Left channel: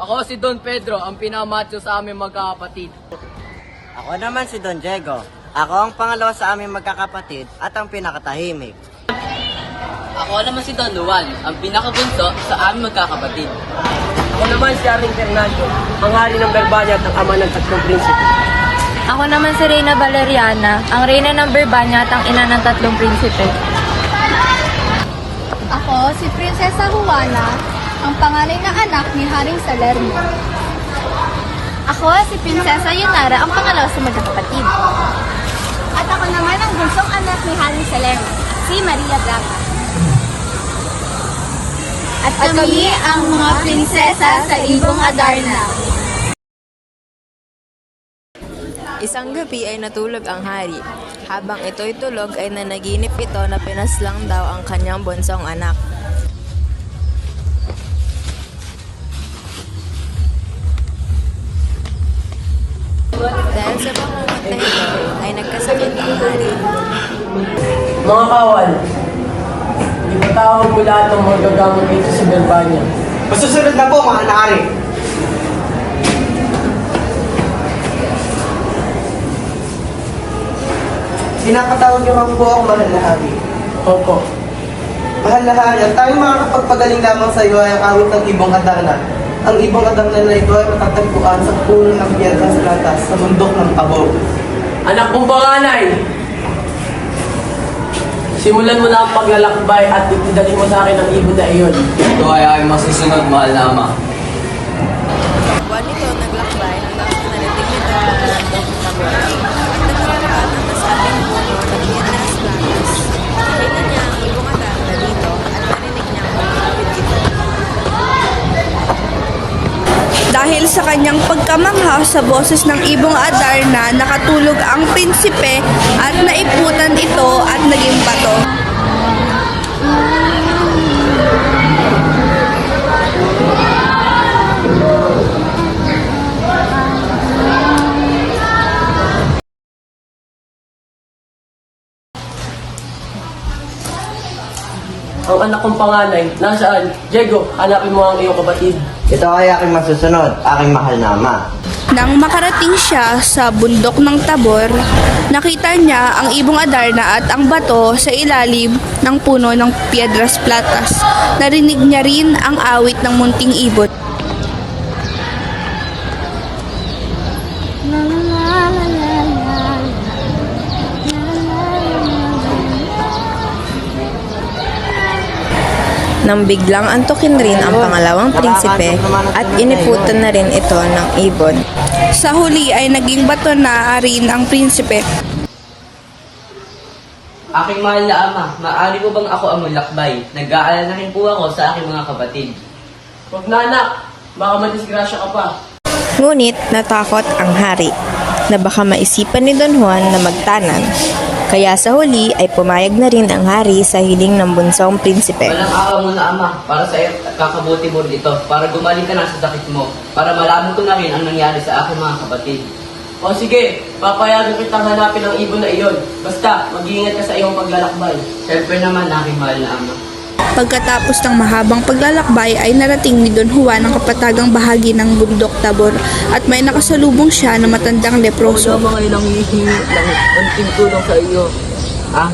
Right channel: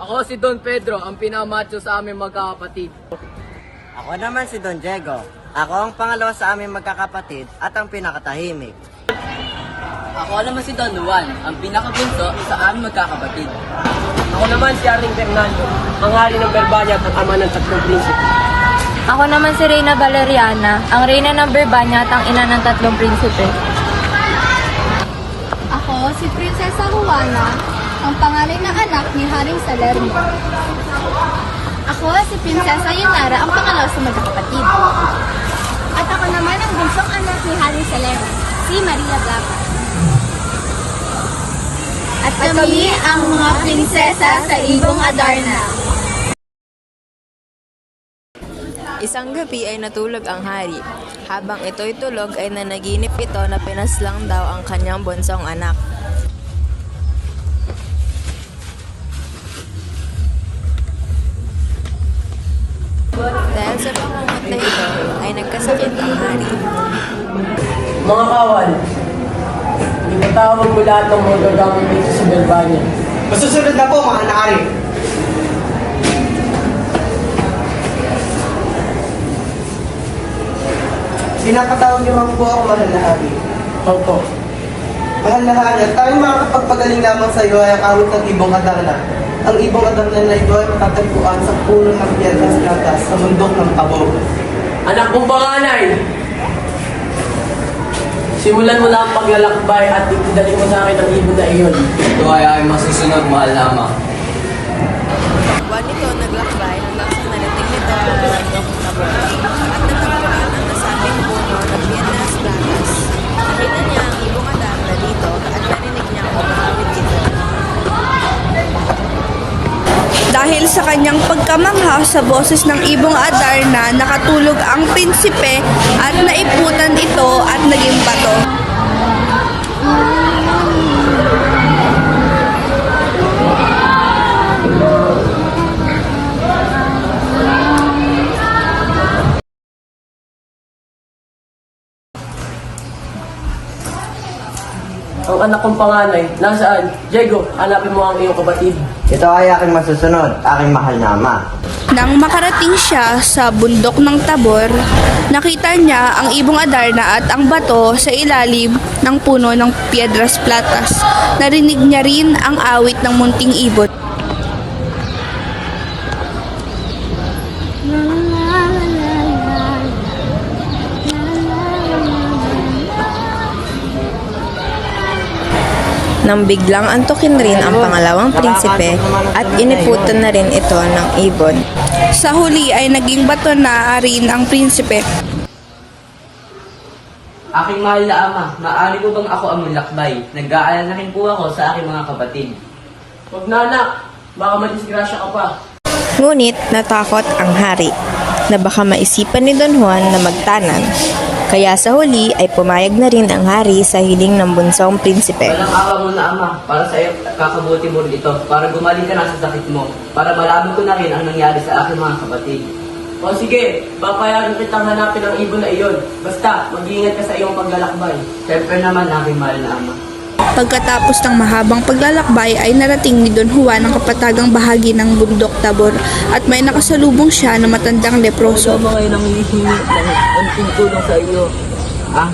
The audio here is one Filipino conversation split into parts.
Ako si Don Pedro, ang pinakamacho sa aming magkakapatid. Ako naman si Don Diego. Ako ang pangalawa sa aming magkakapatid at ang pinakatahimik. Ako naman si Don Juan, ang pinakabunso sa aming magkakapatid. Ako naman si Aring Fernando, ang hari ng Berbanya at ang ama ng tatlong prinsipe. Ako naman si Reyna Valeriana, ang reyna ng Berbanya at ang ina ng tatlong prinsipe. Ako si Prinsesa Juana, ang panganay na anak ni Haring Salermo. Ako si Prinsesa Yunara, ang pangalawa sa magkakapatid. At ako naman ang bunsong anak ni Haring Salermo, si Maria Blanca. At kami ang mga prinsesa sa Ibong Adarna. Isang gabi ay natulog ang hari. Habang ito'y tulog ay nanaginip ito na pinaslang daw ang kanyang bunsong anak. Dahil sa bangungot na ito ay nagkasakit ang hari. Mga kawan, ipatawag mo lahat ng mga gagamit dito sa Berbanya. Masusunod na po mga nakari. Pinapatawag niyo man po ako, mahal na hari. Opo. Mahal na hari, ang tayong makakapagpagaling lamang sa iyo ay ang awit ng Ibong Adarna. Ang Ibong Adarna na ito ay matatagpuan sa puno ng Piedras Blancas sa bundok ng Tabo. Anak kong panganay, simulan mo na ang paglalakbay at itidali mo sa akin ang ibon na iyon. Ito ay masusunod, mahal na ama. Takbuhan nito naglakbay hanggang sa narating nito ang bundok ng Tabor at natagpuan ang nasabing puno ng Piedras Blancas. Nakita niya ang ibong Adarna dito at narinig niyang umahawid ito. Dahil sa kanyang pagkamangha sa boses ng Ibong Adarna, nakatulog ang prinsipe at naiputan ito at naging bato. Ang anak kong panganay, nasaan? Diego, hanapin mo ang iyong kapatid. Ito ay aking masusunod, aking mahal na ama. Nang makarating siya sa bundok ng Tabor, nakita niya ang Ibong Adarna at ang bato sa ilalim ng puno ng Piedras Platas. Narinig niya rin ang awit ng munting ibon. Nang biglang antukin rin ang pangalawang prinsipe at iniputan na rin ito ng ibon. Sa huli ay naging bato na rin ang prinsipe. Aking mahal na ama, maaari ko bang ako ang mulakbay? Nag-aalala rin po ako sa aking mga kapatid. Huwag na anak, baka madisgrasya ka pa. Ngunit natakot ang hari na baka maisipan ni Don Juan na magtanan. Kaya sa huli ay pumayag na rin ang hari sa hiling ng bunsong prinsipe. Walang akaw mo na ama, para sa iyo at kakabuti mo rin ito, para gumaling ka na sa sakit mo, para malaman ko na rin ang nangyari sa aking mga kapatid. O sige, papayagan kitang hanapin ang ibon na iyon. Basta, mag-iingat ka sa iyong paglalakbay. Siyempre naman, aking mahal na ama. Pagkatapos ng mahabang paglalakbay ay narating ni Don Juan ang kapatagang bahagi ng bundok Tabor at may nakasalubong siya na matandang leproso. Ako ngayon ang hihingi ng unting tulong sa iyo.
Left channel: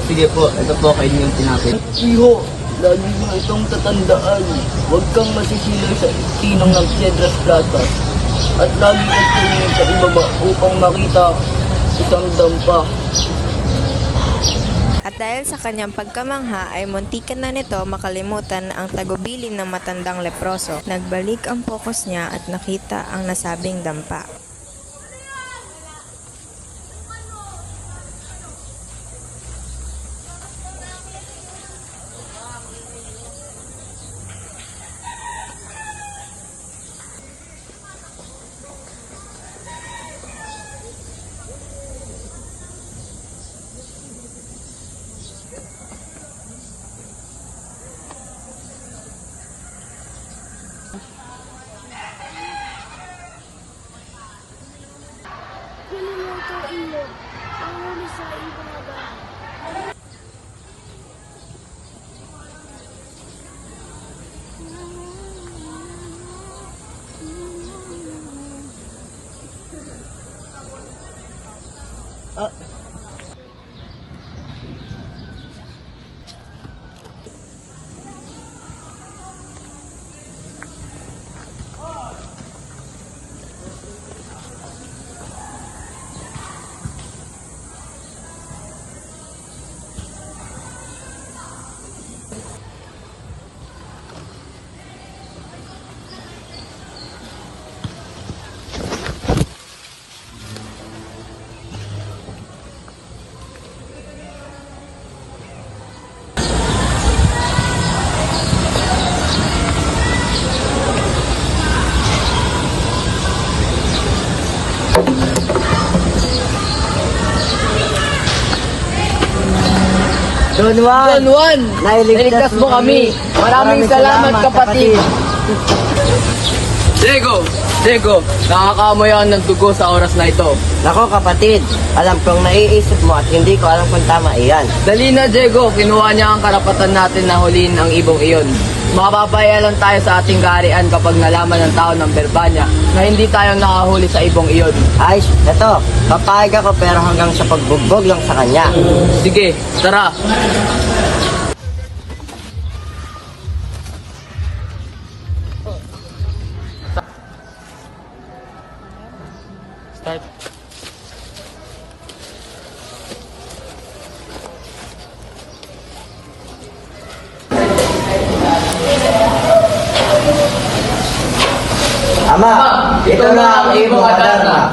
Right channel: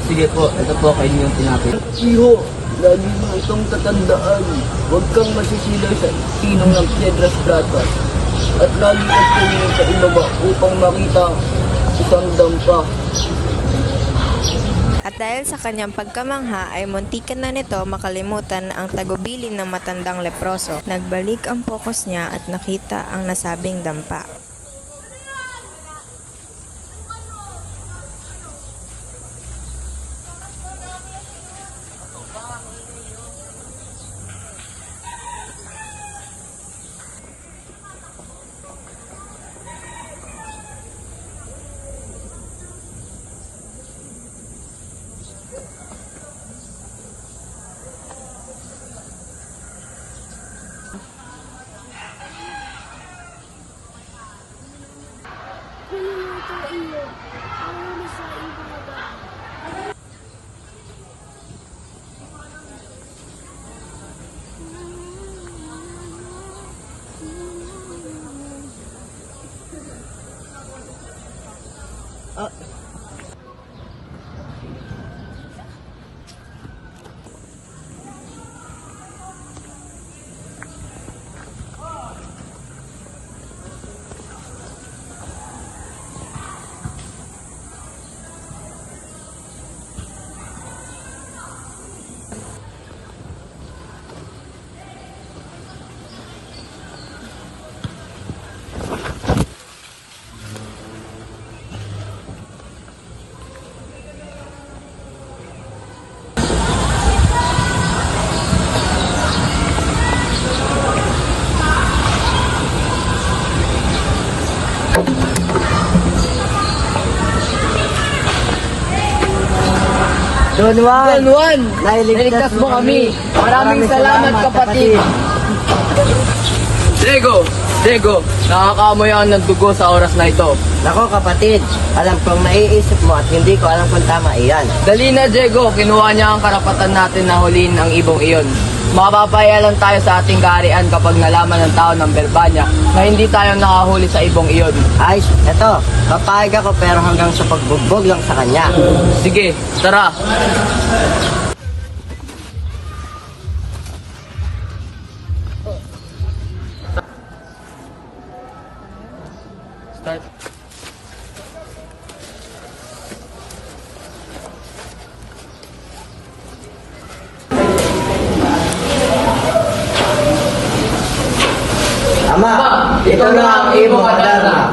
Sige po, ito po kayo niyong tinapit. Iho, lagi mo itong tatandaan. Huwag kang masisilaw sa sinang ng Piedras Platas. At lagi kang tumingin sa ibaba upang makita isang dampa. At dahil sa kanyang pagkamangha ay muntikan na nito makalimutan ang tagubilin ng matandang leproso. Nagbalik ang focus niya at nakita ang nasabing dampa. Don Juan, nailigtas mo kami. Maraming salamat kapatid. Diego, nakakaamoy ako ng dugo sa oras na ito. Nako kapatid, alam kong naiisip mo at hindi ko alam kung tama iyan. Dali na, Diego. Kinuha niya ang karapatan natin na huliin ang ibong iyon. Makapapaya lang tayo sa ating kaharian kapag nalaman ng tao ng Berbanya na hindi tayo nakahuli sa ibong iyon. Ay, eto, papayag ako pero hanggang sa pagbugbog lang sa kanya. Sige, tara. Ama, ito na ang ibong Adarna.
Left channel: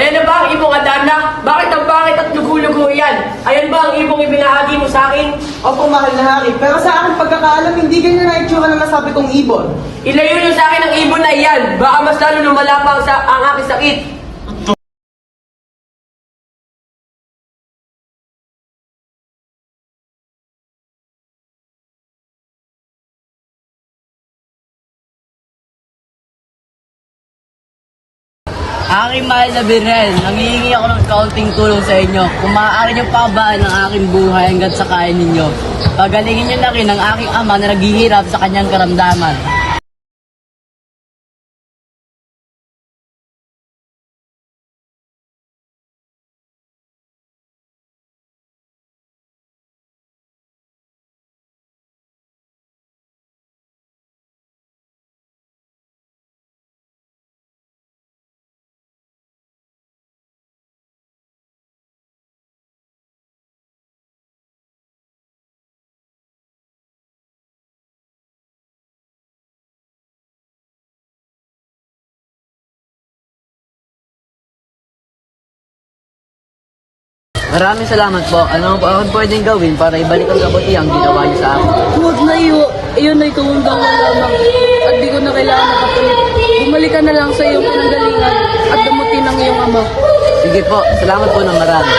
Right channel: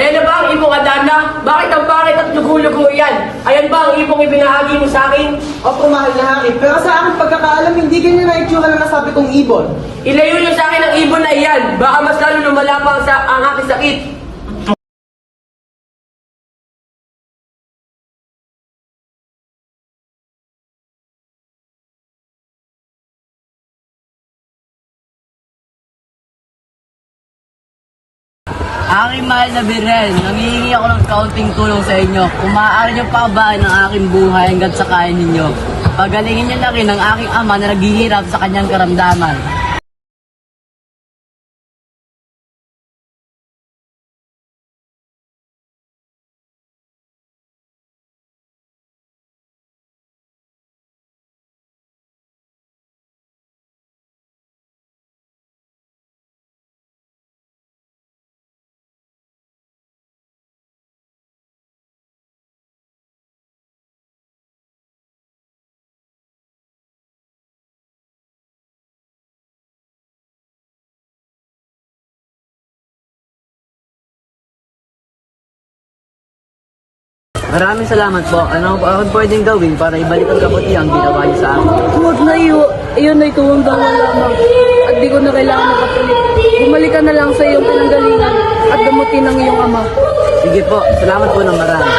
Ayan na ba ang ibong Adarna? Bakit ang pangit at lugo-lugo yan? Ayan ba ang ibong ibinahagi mo sa akin? Opo, mahal na hari. Pero sa aking pagkakaalam, hindi ganyan na itsura ng nasabi kong ibon. Ilayo niyo sa akin ang ibon na iyan. Baka mas lalo lumala pa ang aking sakit. Aking mahal na Birhen, nangihingi ako ng kaunting tulong sa inyo. Kung maaari niyo pabaan ang aking buhay hanggat sa kaya ninyo. Pagalingin niyo na rin ang aking ama na naghihirap sa kanyang karamdaman. Maraming salamat po. Ano ang pwedeng gawin para ibalik ang kabutihan ginawa niyo sa akin? Huwag na iyo, iyon ay kawanggawan lamang. At di ko na kailangan makapalit. Bumalik ka na lang sa iyong pinanggalingan at damutin ang iyong ama. Sige po, salamat po ng marami.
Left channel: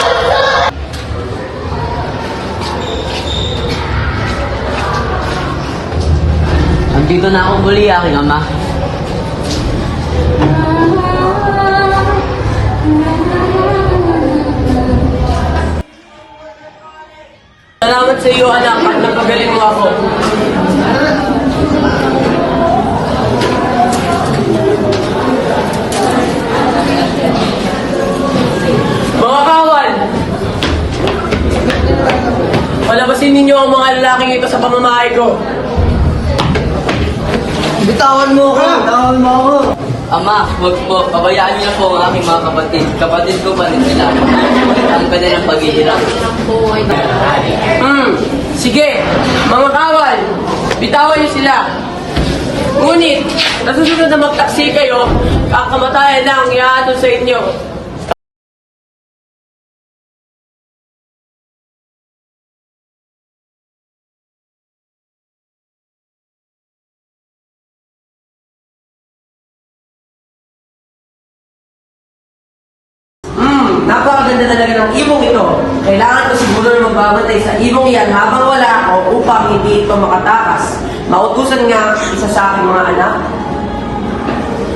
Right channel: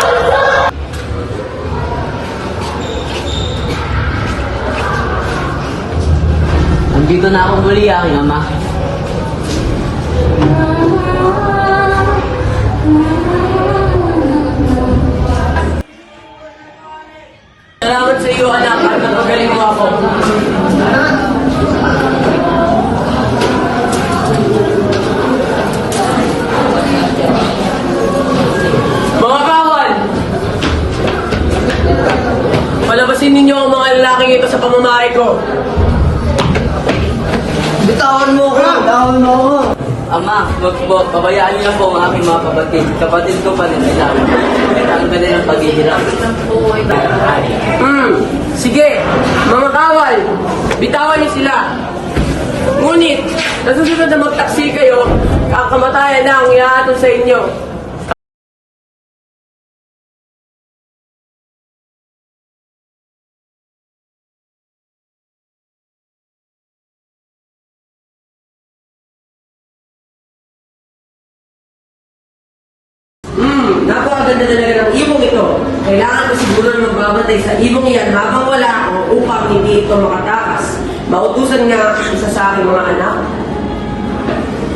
Andito na akong muli, aking ama. Salamat sa iyo, anak, at napagaling mo ako. Mga kawan! Palabasin ninyo ang mga lalaking ito sa pamamahay ko. Bitawan mo ako! Ama, wag po. Pabayaan niyo po ang aking mga kapatid. Kapatid ko pa rin sila. Ang kanilang paghihirap. Sige, mga kawal, bitawan niyo sila. Ngunit, nasusunod na magtaksi kayo, ang kamatayan na ang ihahatol sa inyo. Napakaganda talaga ng ibong ito. Kailangan ko siguro na magbabantay sa ibong yan habang wala ako upang hindi ito makatakas. Mautusan nga isa sa aking mga anak.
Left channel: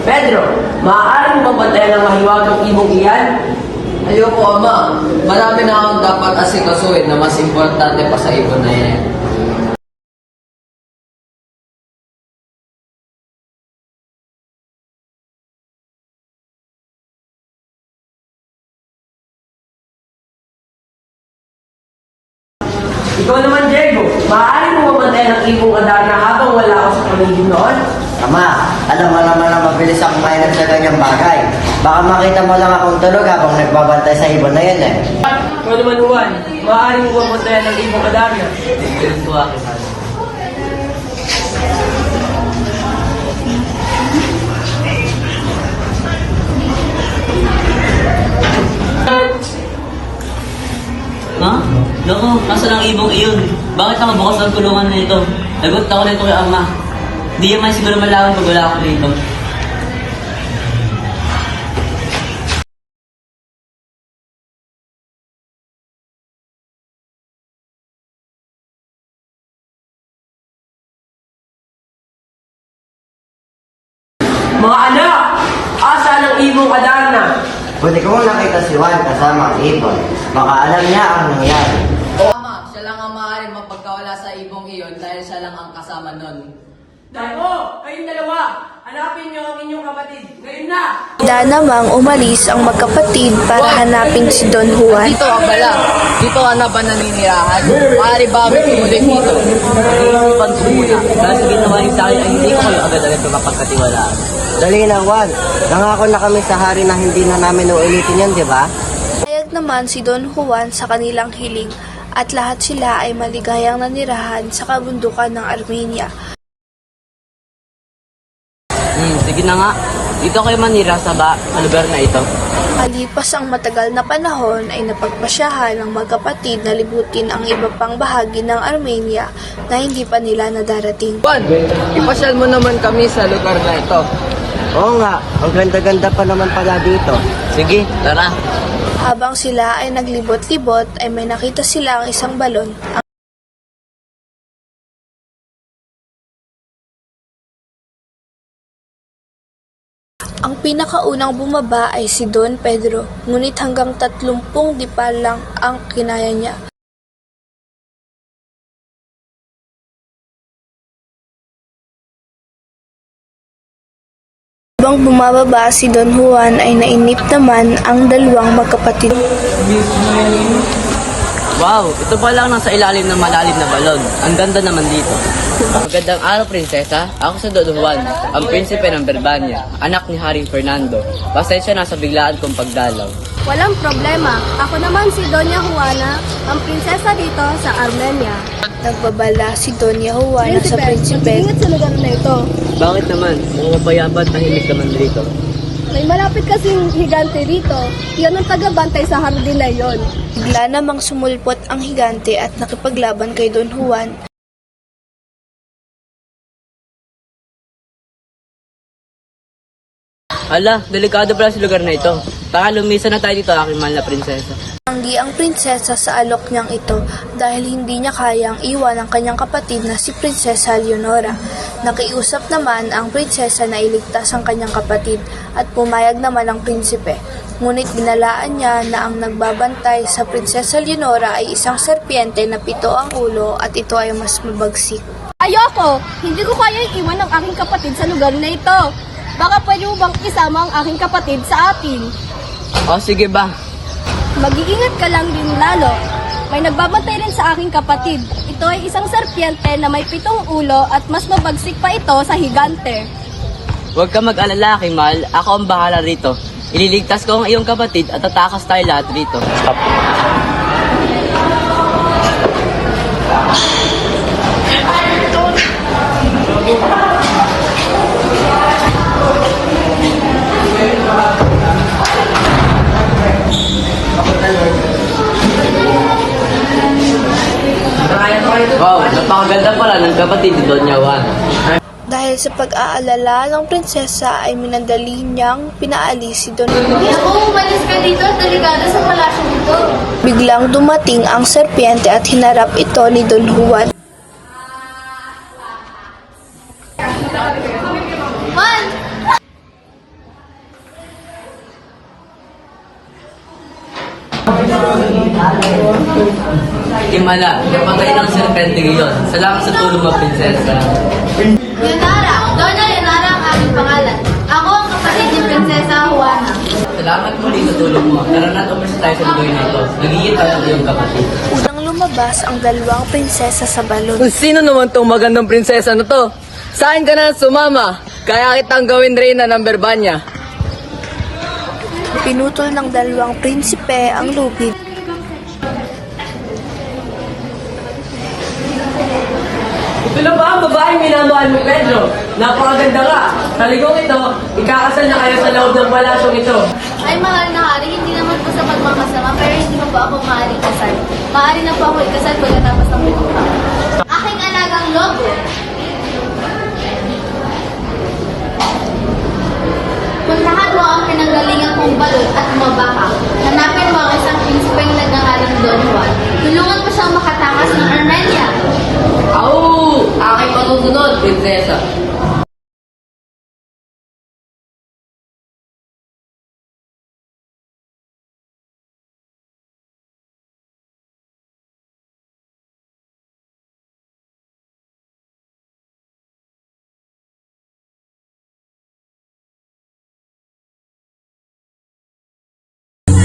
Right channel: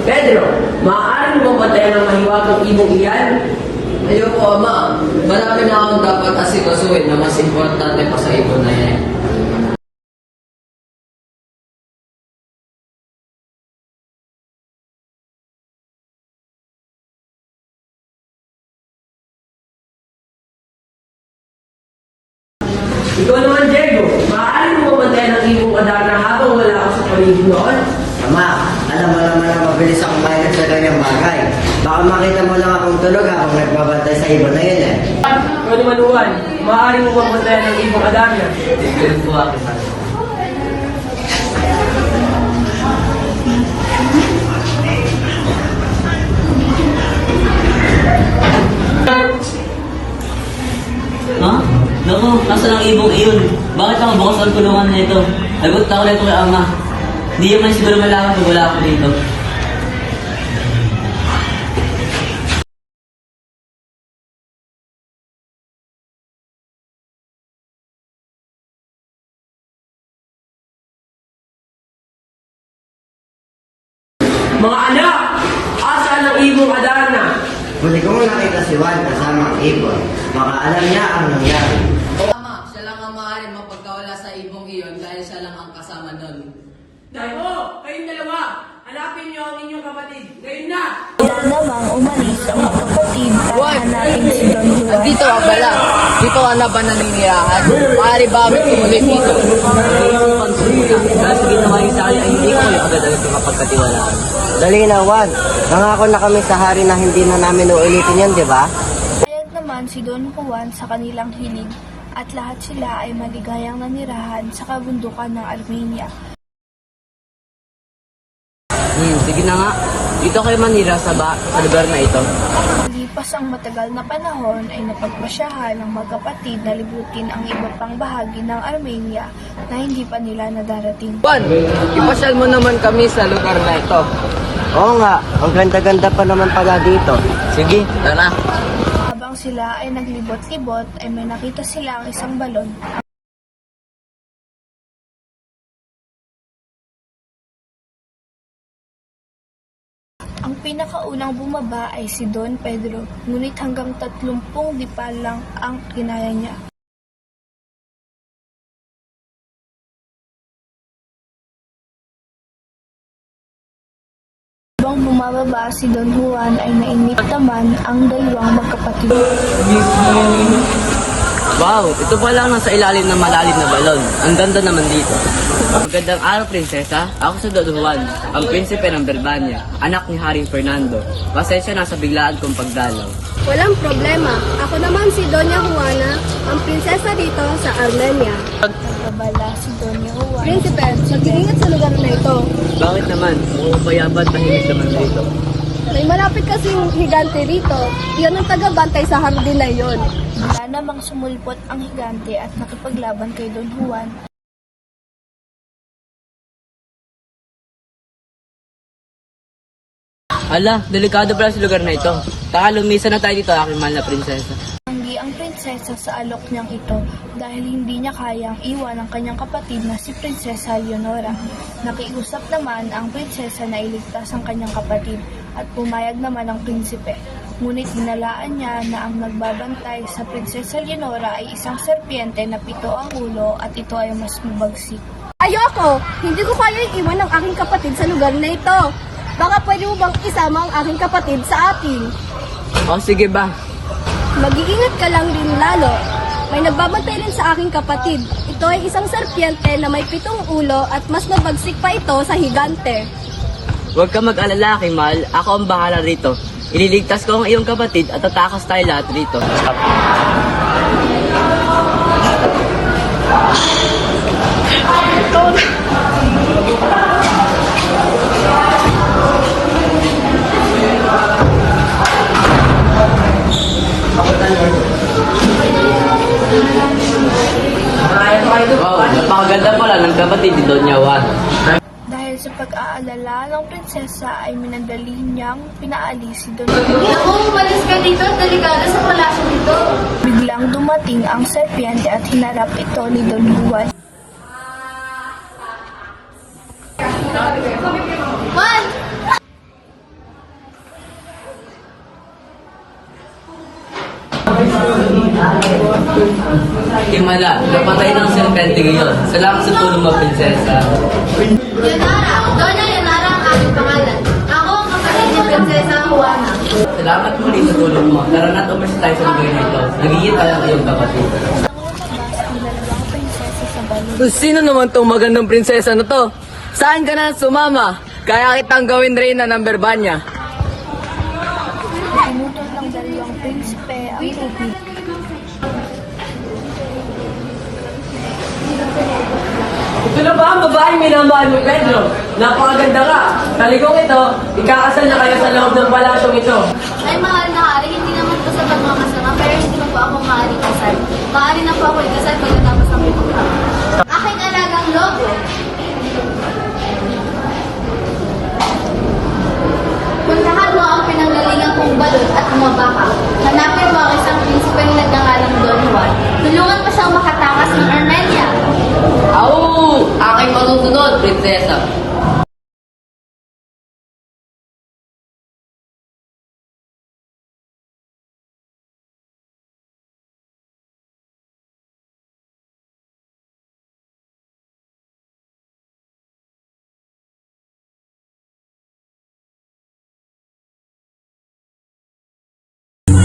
Pedro, maaari mo mabantayan ng mahiwagang ibong iyan? Ayoko, ama. Marami na akong dapat asikasuhin na mas importante pa sa ibon na yan. Ikaw naman, Diego, maaari mo mabantayan ng ibong Adarna habang wala ako sa paligid noon? Ama, alam mo naman na mabilis akong mainag sa ganyang bagay. Baka makita mo lang akong tulog habang nagbabantay sa ibon na yan eh. Ikaw naman, Juan, maaari mo mabantayan ng ibong Adarna? Ganun po aking mahal. Ha? Naku, nasa lang ibong iyon. Bakit ako bukas ang tulungan nito? Lagot ako nito kay ama. Hindi naman siguro malaman pag wala ako dito. Mga anak! Asaan ang ibong Adarna? Buti ko nakita si Juan kasama ang ibon. Baka alam niya ang nangyari. Tama, siya lang ang maaaring mapagkawala sa ibong iyon dahil siya lang ang kasama nun. Damo, kayong dalawa, hanapin niyo ang inyong kapatid. Ngayon na! Handa namang umalis ang magkapatid para hanapin si Don Juan. Dito ka pala. Dito ka na ba naninirahan? Maaari ba kami tumuloy dito? Sabihin mo muna. Dahil sa ginawa niyo sa akin ay hindi ko kayo agad-agad sa mapagkatiwalaan. Dali na, Juan. Nangako na kami sa hari na hindi na namin uulitin yan, di ba? Payag naman si Don Juan sa kanilang hiling at lahat sila ay maligayang nanirahan sa kabundukan ng Armenia. Sige na nga. Dito kayo manira sa lugar na ito. Malipas ang matagal na panahon ay napagpasyahan ng magkapatid na libutin ang iba pang bahagi ng Armenia na hindi pa nila nadarating. Juan, ipasyal mo naman kami sa lugar na ito. Oo nga, ang ganda-ganda pa naman pala dito. Sige, tara. Habang sila ay naglibot-libot ay may nakita sila ang isang balon. Ang pinakaunang bumaba ay si Don Pedro, ngunit hanggang 30 dipa lang ang kinaya niya. Habang bumababa si Don Juan ay nainip naman ang dalawang magkapatid. Wow, ito pa lang nasa ilalim ng malalim na balon. Ang ganda naman dito. Magandang araw, prinsesa. Ako si Don Juan, ang prinsipe ng Berbania, anak ni Haring Fernando. Pasensya na sa biglaan kong pagdalaw. Walang problema. Ako naman si Doña Juana, ang prinsesa dito sa Armenia. Nagbabala si Doña Juana sa Prinsipe, prinsipe. mag-iingat sa lugar na ito. Bakit naman? Mukhang mapayabat tahimik naman dito. May malapit kasing higante dito. Iyon ang tagabantay sa hardin na iyon. Bigla namang sumulpot ang higante at nakipaglaban kay Don Juan. Hala, delikado pala sa lugar na ito. Taka, lumisa na tayo dito, aking mahal na prinsesa. Tanggi ang prinsesa sa alok niyang ito dahil hindi niya kayang iwan ang kanyang kapatid na si Prinsesa Leonora. Nakiusap naman ang prinsesa na iligtas ang kanyang kapatid at pumayag naman ang prinsipe. Ngunit binalaan niya na ang nagbabantay sa Prinsesa Leonora ay isang serpiente na 7 ang ulo at ito ay mas mabagsik. Ayoko! Hindi ko kaya iwan ang aking kapatid sa lugar na ito. Baka pwede mo bang isama ang aking kapatid sa atin? O, sige ba? Mag-iingat ka lang din lalo. May nagbabantay rin sa aking kapatid. Ito ay isang serpiente na may 7 ulo at mas mabagsik pa ito sa higante. Huwag ka mag-alala, aking mahal. Ako ang bahala rito. Ililigtas ko ang iyong kapatid at tatakas tayo lahat rito. Wow, napakaganda pala ng kapatid ni Doña Juan. Dahil sa pag-aalala ng prinsesa ay minandali niyang pinaalis si Don Juan. Ako, umalis ka dito at delikado sa palasyo dito. Biglang dumating ang serpiente at hinarap ito ni Don Juan. Juan! Himala, napatay ng serpente ngayon. Salamat sa tulong mo, prinsesa. Leonara! Doña Leonara ang aming pangalan. Ako ang kapatid ni Prinsesa Juana. Salamat muli sa tulong mo. Tara na't umalis tayo sa lugar na ito. Nagigit tayo ang iyong kapatid. Nang lumabas ang dalawang prinsesa sa balon. Sino naman tong magandang prinsesa na to? Saan ka na sumama? Kaya kitang gawin reyna ng Berbania. Pinutol ng dalawang prinsipe ang lubid. Ito na ba ang babaeng minamahal mo, Pedro? Napakaganda ka. Sa ligong ito, ikakasal na kayo sa loob ng palasyong ito. Ay, mahal na hari, hindi naman po sa pagmamasama, pero hindi mo po ako maaaring kasal. Maaari na po ako ikasal pagkatapos ng pinuha. Aking alagang lobo. Puntahan mo ang pinanggalingan kong balot at umabaka. Hanapin mo ang isang prinsipeng nagngangalang Don Juan. Tulungan mo siyang makatakas ng Armenia. Aking matutunod, prinsesa.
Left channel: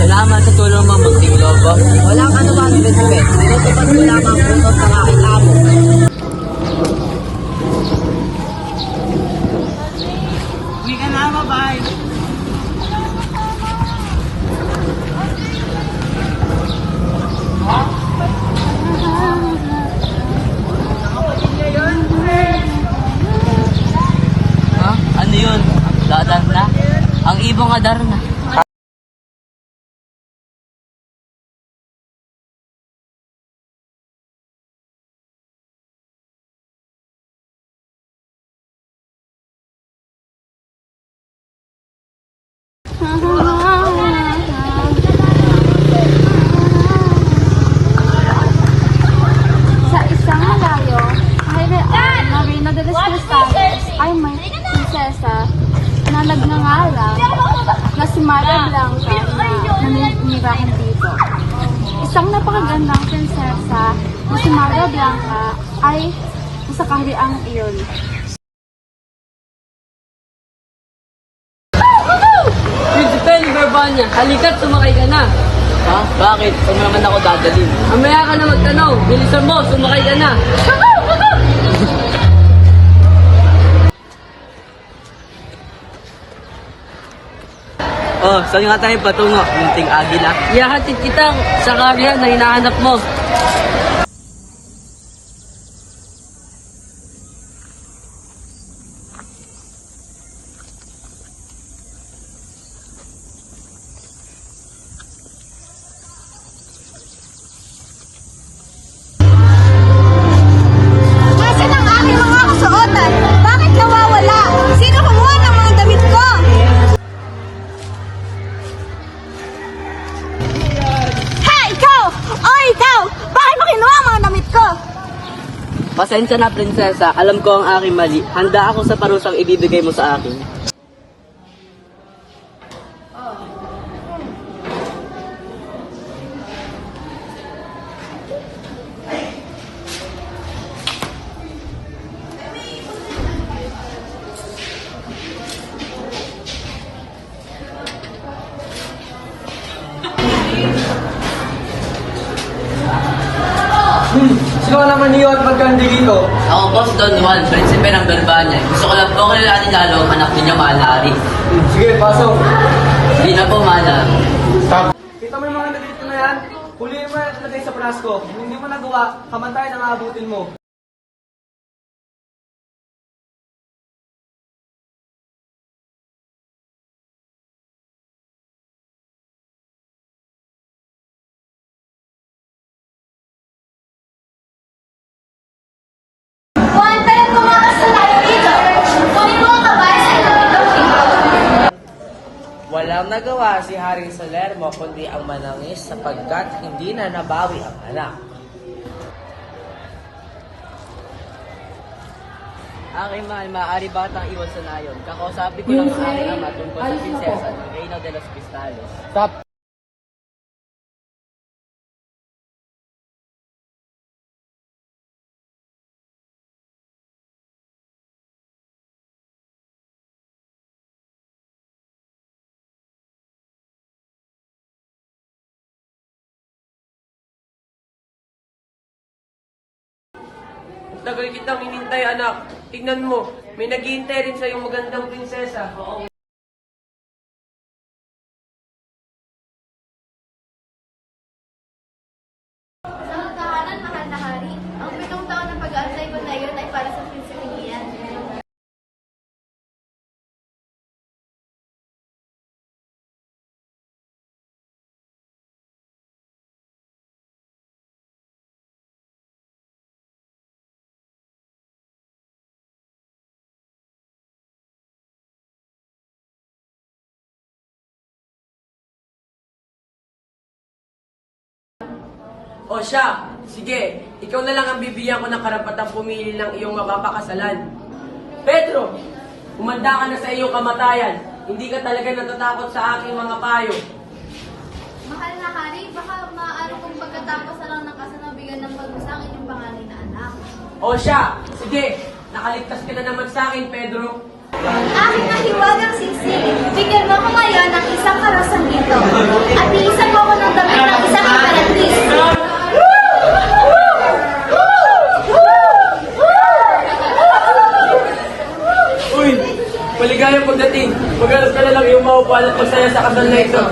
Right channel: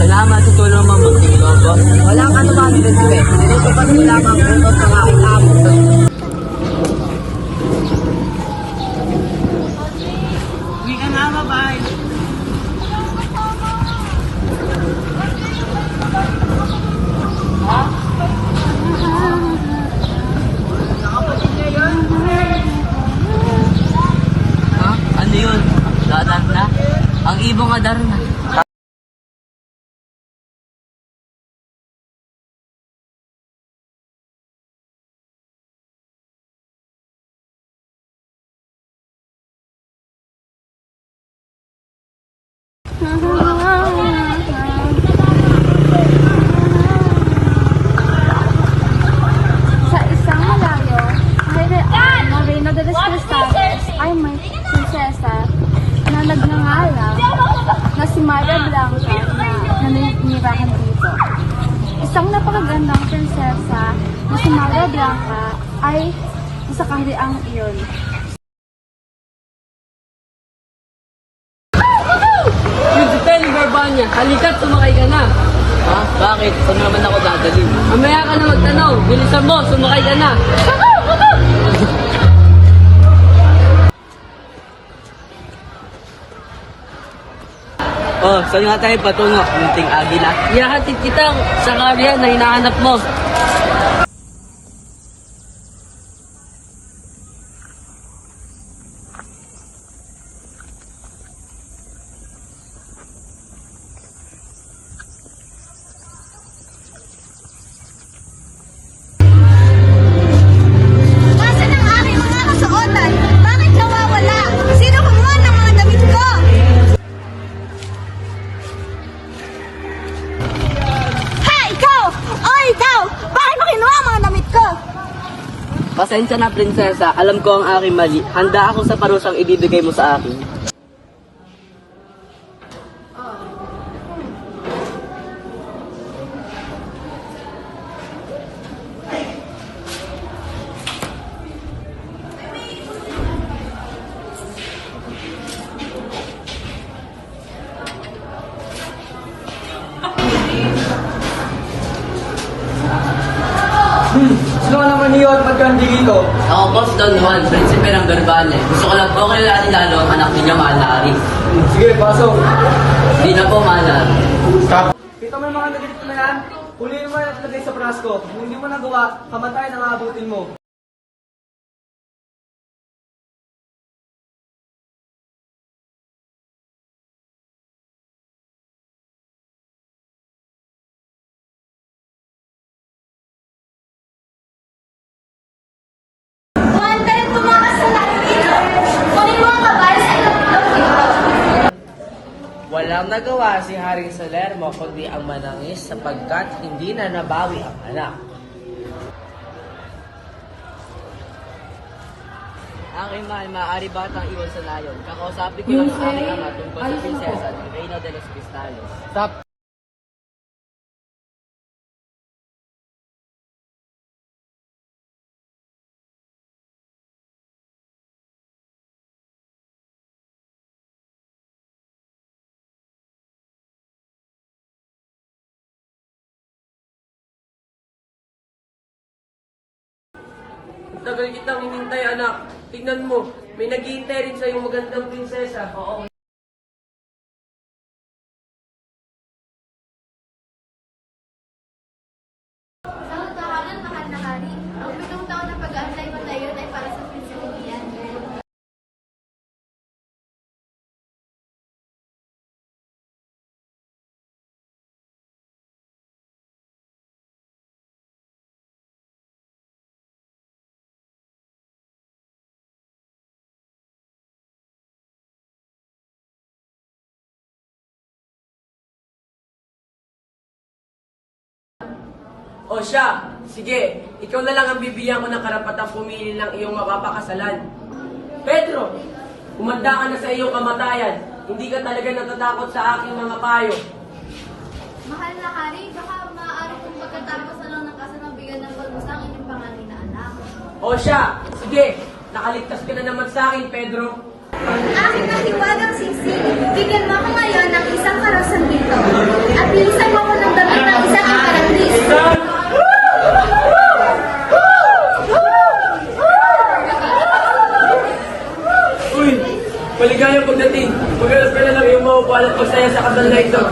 Salamat sa tulong mo, munting lobo. Walang anuman, Prinsipe. Tinutupad ko lang ang utos ng aking amo. Uwi ka na, bye-bye. Ha? Ano yun? Dadar na? Ang ibong adar na. Sa isang malayo, kahiraan na Reina de los Cristales ay may prinsesa na nagngangalang na si Maria Blanca na naninirahan dito. Isang napakagandang prinsesa na si Maria Blanca ay sa kahariang iyon. Prinsipe, Barbanya, halika't sumakay ka na. Ha? Bakit? Saan naman ako dadalhin? Mamaya ka na magtanong. Bilisan mo, sumakay ka na. Oh, saan nga tayo patungo? Munting agila. Ihahatid kita sa karya na hinahanap mo. Nasaan ang aking mga kasuotan? Bakit nawawala? Sino kumuha ng mga damit ko? Ha! Ikaw! O ikaw! Bakit mo kinuha ang mga damit ko? Pasensya na, prinsesa. Alam ko ang aking mali. Handa ako sa parusang ibibigay mo sa akin. Sino ka naman niyo at magkandi dito? Ako po si Don Juan, Prinsipe ng Barbanya. Gusto ko lang po kilalanin lalo ang anak ninyo, Malari. Sige, pasok. Hindi na po, Malari. Kita mo yung mga nagilito na yan? Huliin mo yan at lagay sa prasko. Kung hindi mo nagawa, kamatayan ang aabutin mo. Juan, kaya tumakas na tayo dito. Kunin mo ang kabayo sa ilog dito. Walang nagawa si Haring Salermo kundi ang manangis sapagkat hindi na nabawi ang anak. Aking mahal, maaari ba kitang iwan sa layon? Kakausapin ko lang ang aking ama tungkol sa prinsesa ng Reina de los Cristales. Tagal kitang hinintay, anak. Tignan mo, may naghihintay rin sa iyong magandang prinsesa. Oo. Sa tahanan, mahal na hari. Ang 7 taon na pag-aantay ko na yun ay para sa prinsipinian. O siya, sige, ikaw na lang ang bibigyan ko ng karapatang pumili ng iyong mapapakasalan. Pedro, humanda ka na sa iyong kamatayan. Hindi ka talaga natatakot sa aking mga payo. Mahal na hari, baka maaari kong pagkatapos na lang ng kasanabigyan ng pag-usang inyong pangalan na anak. O siya, sige, nakaligtas ka na naman sa akin, Pedro. Aking nahiwagang sisi, bigyan mo ko ngayon ng isang karasan dito. At iisa natin. Maghanap ka na lang yung maupuan at pagsaya sa kasal na ito.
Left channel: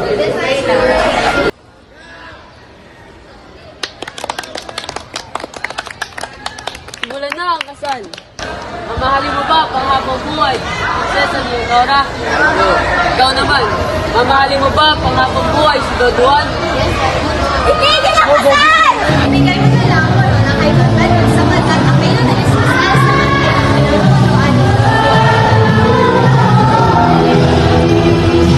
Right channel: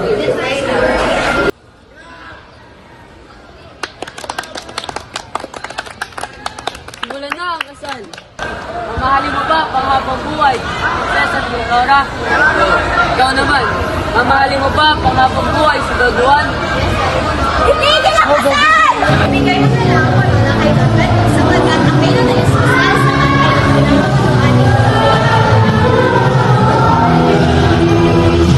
Simulan na ang kasal. Mamahalin mo ba panghabang buhay? Prinsesa Leonora? Ikaw naman, mamahalin mo ba panghabang buhay si Don Juan? Itigil ang kasal! Ibigay mo na lang ako na kay Don Pedro sapagkat ang pino na Jesus Christ naman ay ang pinamumunuan ni Don Juan.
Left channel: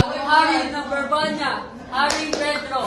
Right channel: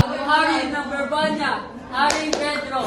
Ang hari ng Barbanya, Haring Pedro.